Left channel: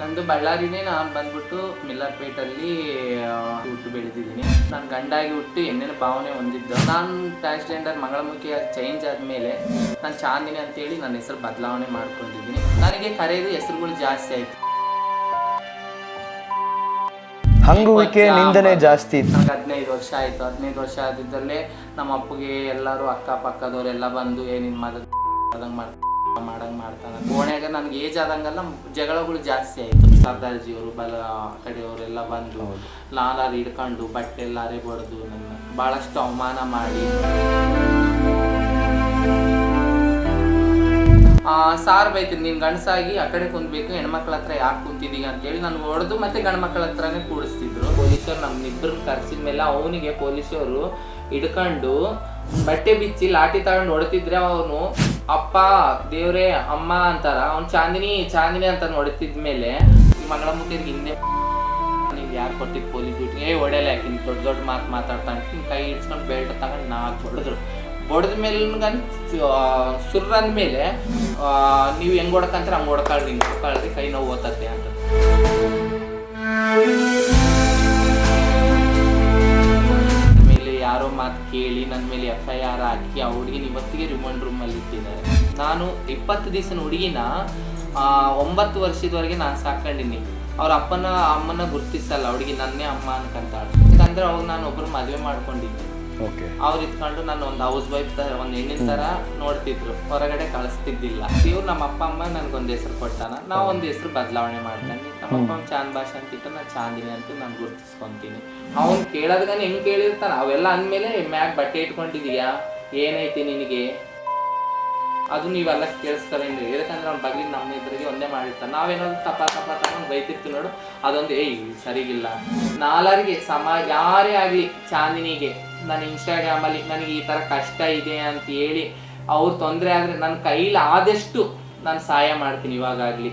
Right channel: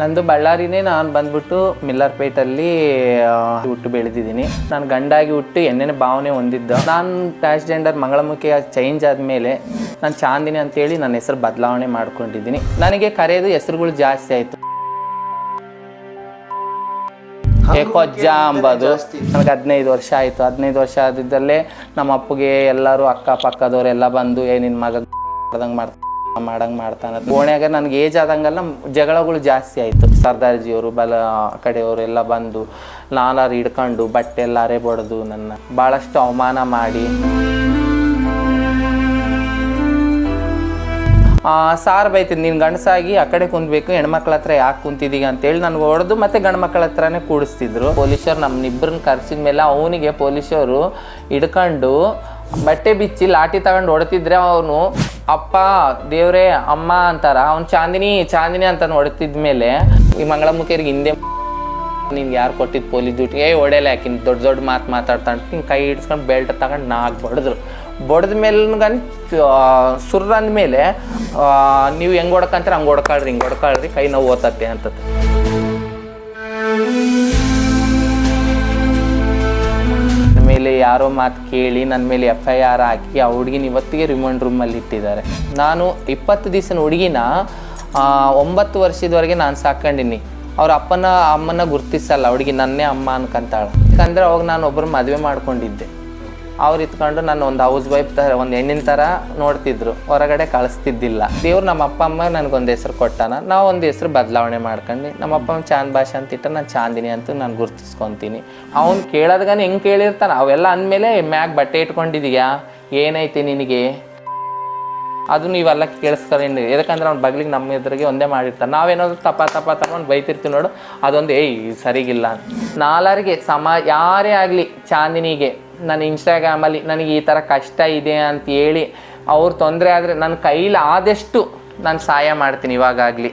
ನಂದು ಬಳ್ಳಾರಿನೇ. ನಾನು ಬಂದ್ಬಿಟ್ಟು ಮಿಲ್ಲರ್ಪೇಟಲ್ಲಿ ಹುಟ್ಟು ಬೆಳೆದಿದ್ದೀನಿ. ನಾನು ಗಂಡಾಗಿ ಹುಟ್ಟು ಎಣ್ಣೆನ ಭಾವನೆ ಹೊಂದಿದ್ದ. ನಾನು ಟ್ರಾನ್ಸ್ಜೆಂಡರ್ ಮಂಗಳಮುಖಿ ಚೇಂಜ್ ಆದಮೇಲೆ ನಾನು ಚಾಂದಿನಿ ಅಂತೇಳಿ ನನ್ನ ಹೆಸರು ಬದಲಾವಣೆ ಮಾಡ್ಕೊಂಡಿದ್ದೀನಿ. ನನಗೆ ಕರೆಯೋದು ಹೆಸರುಗಳು ಜಾಸ್ತಿ ಆಯಿತು. ಜಾಸ್ತಿ ನನಗೆ 15 ವರ್ಷ ಆಯಿತು. 15 ವರ್ಷ ಆದಿದ್ದಲ್ಲೇ ನಮ್ಮ ಅಪ್ಪಗೆ ಎಲ್ಲರೂ ಅಕ್ಕಪಕ್ಕದವರೆಲ್ಲ ಬಂದು ನಿನ್ನ ಮಗ ಮಾಡಂಗೆ ಮಾಡ್ತಾನೆ. ಕೋಣೆಯಾಗ ನನಗೆ ಏಜ್ ಆದಂಗೆಲ್ಲ ಜಗಳಗಳು ಜಾಸ್ತಿ ಆಯಿತು. ಸರ್ದಾರ್ಜಿಯವರು ಕಡೆಯವರು ಎಲ್ಲ ಬಂದು ನಾಲಾರು ಹಿಡ್ಕೊಂಡು ಬಟ್ಟೆ ಎಲ್ಲ ಅರೆ ಬಡ್ದು ನನ್ನ ಭಾಳಷ್ಟು ಅವಮಾನ ಮಾಡಿ ಸಾರ್ ಬೈತಿದ್ದು, ನೀನು ಗಂಡಸಾಗಿ ಆ ಕಡೆ ಕುಂದ್ಬೇಕು, ಹೆಣ್ಮಕ್ಳ ಹತ್ರ ಯಾಕೆ ಕುಂತಿದ್ದೀಗ ಅಂತೇಳಿ ನನಗೆ ಹೊಡೆದು ಮತ್ತೆ ಗಂಡು ಮಕ್ಕಳ ಹತ್ರನೇ ಕೂಡಿಸ್ತಿದ್ರು. ಪೊಲೀಸರು ನಮ್ಮನ್ನಿಬ್ಬರನ್ನ ಕರೆಸಿದ ಮೇಲೆ ಅವನಿಗೆ ಪೊಲೀಸರು ಹಿಡ್ಕೊಂಡು ಬಟ್ಟೆ ಬಿಚ್ಚಿ ಲಾಠಿ ತಗೊಂಡು ಹೊಡ್ತಿದ್ರೆ ಅವನು ಅಪ್ಪ ದೇವ್ರೇ ಅಮ್ಮ ಅಂತಾರ, ಅವ್ನು ಚಾಂದಿನಿ ಚಾಂದಿನಿ ಅಂತ ಹೊಡ್ತಿದ್ಮೇಲೆ ಈ ಮಂಗಳಮುಖಿಯರಿಗೆ ಹಿಂದೆ ನೀನು ಯಾರು ಕೊಟ್ಟಿದ್ದು ಪೊಲೀಸ್ ಡ್ಯೂಟಿಗೆ ಹೊಡೆಯಲ್ಲ, ಯಾಕಿನ್ ದೊಡ್ಡ ಮಾತು ಮಾತಾಡ್ತಾನೆ ಹಿಂಗೆ ಕೈ ಹಿಡ್ಸ್ಕೊಂಡು ಬೆಲ್ಟ್ ತಗೊಂಡು ನಾಲ್ಕು ಹೊಡೆದ್ರು. ಬಡ್ದ ಮೇಲೆ ಸುರ್ರಂದ ಮೇಲೆ ನೀವು ಹೆಂಗೆ ಹೊಡ್ಕಂತಾರೆ ಹಂಗೆ ಹೊಡ್ಕೊಳ್ರಿ, ಹಿಂಗೆ ಹೊಡ್ಕೊಳ್ರಿ, ಕೈ ನೋವು ಓತತ್ತೆ ಅಂತ. ಮೇಲೆ ಯಾರೋ ಮಾತು ಕೇಳಿ ನನ್ನ ಮೇಲೆ FIR ಹಾಕಿ ಆ ಹುಡುಗಿನ ಇವತ್ತಿಗೆ ರಿಮಾಂಡ್ ರೂಮಲ್ಲಿ ಇಟ್ಟಿದ್ದಾರೆ. ನಾನು 20 ದಿವಸದ ಹುಡುಗಿನ 9 ವರ್ಷದವರೆಗೆ ನಾನು ಸಾಕೊಂಡಿನಿ. ಅವ್ರ ಅಮ್ಮನ ಗುರ್ತಿಸಲ್ಲ, ಹುಡುಗಿ ನನ್ನೇ ಅಮ್ಮ ಅನ್ಕಂತಾಳೆ. ಯಾಕಂದ್ರೆ ಅವಾಗ ನಾನು ಒಬ್ಬರು ಮದುವೆ ಮಾಡ್ಕೊಂಡಿದ್ದೆ. ಅವ್ರು ಇತ್ಕೊಂಡು ನಾನು ಒಂದು ಹೌಸ್ ವೈಫ್ ಒಂದು ಹೆಣ್ಣಿನ ಥರ ನೋಡ್ತಿದ್ರು, ಹೊರಗಡೆ ಕಳಿಸ್ತಿದ್ದಿಲ್ಲ. ದೇವ್ರು ನಮ್ಮ ಅಪ್ಪ ಅಮ್ಮ ನನಗೊಂದು ಹೆಸರು ಕೊಟ್ಟಾನ, ನಾವು ಒಂದು ಹೆಸರು ಬದಲಾವಣೆ ಮಾಡ್ಕೊಂಡು ನಮ್ಮ ಅಪ್ಪ ಚಾಂದ್ ಭಾಷೆ ಅಂತಿಟ್ಟು ನಾನು ಚಾಂದಿನಿ ಅಂತ ನಾನು ಗುರ್ತಿಸ್ಕೊತೀನಿ. ಅವ್ನು ಕೇಳೋದ್ಗಾನೆ ಹೆಂಗೆ ಕೇಳಿರ್ತಾನೆ ಅವೆಲ್ಲ ಅಂದಮೇಲೆ ಮ್ಯಾಗ್ ಬಟ್ಟೆ ಇಟ್ಕೊಂಡಿದೀಯಾ, ಏನೈತಿ ನಿನಗೆ, ಅದು ನೀವೆಲ್ಲ ಕೇಳಿಸ್ಕೊಂಡು. ಯಾಕಂದ್ರೆ ಅವ್ನ ಬಗ್ಲಿಗೆ ನಮ್ಮ ಎದುರಿಗೆ ಒಂದೇ ಮಾಡಿರ್ತಾನೆ. ನಾವೇನಾದ್ರು ತಗೊಂಡು ಬೈತಿರ್ತೀವಿ ನೋಡು, ಅದೊಂದು ಸರಿಗಿಲ್ಲ. ನಾಲ್ವರಿಗೆ ಯಾರೇ ಆಗಲಿ ಚಾಂದಿನಿಗೆ ನನ್ನ ಇನ್ಸ್ಟಾಗ್ರಾಮಲ್ಲಿ ನನಗೆ ಈ ಥರ ಕಷ್ಟ ಇದೆ ಅಂತ ಹೇಳಿ ಅವ್ರು ತೊಂದರೆ ಆದರೆ ನನ್ನ ಕೈಲಿ ಆದಷ್ಟು ನಾನು ಸಹಾಯ ಮಾಡ್ತೀನಿ ಇವಾಗಲಿ.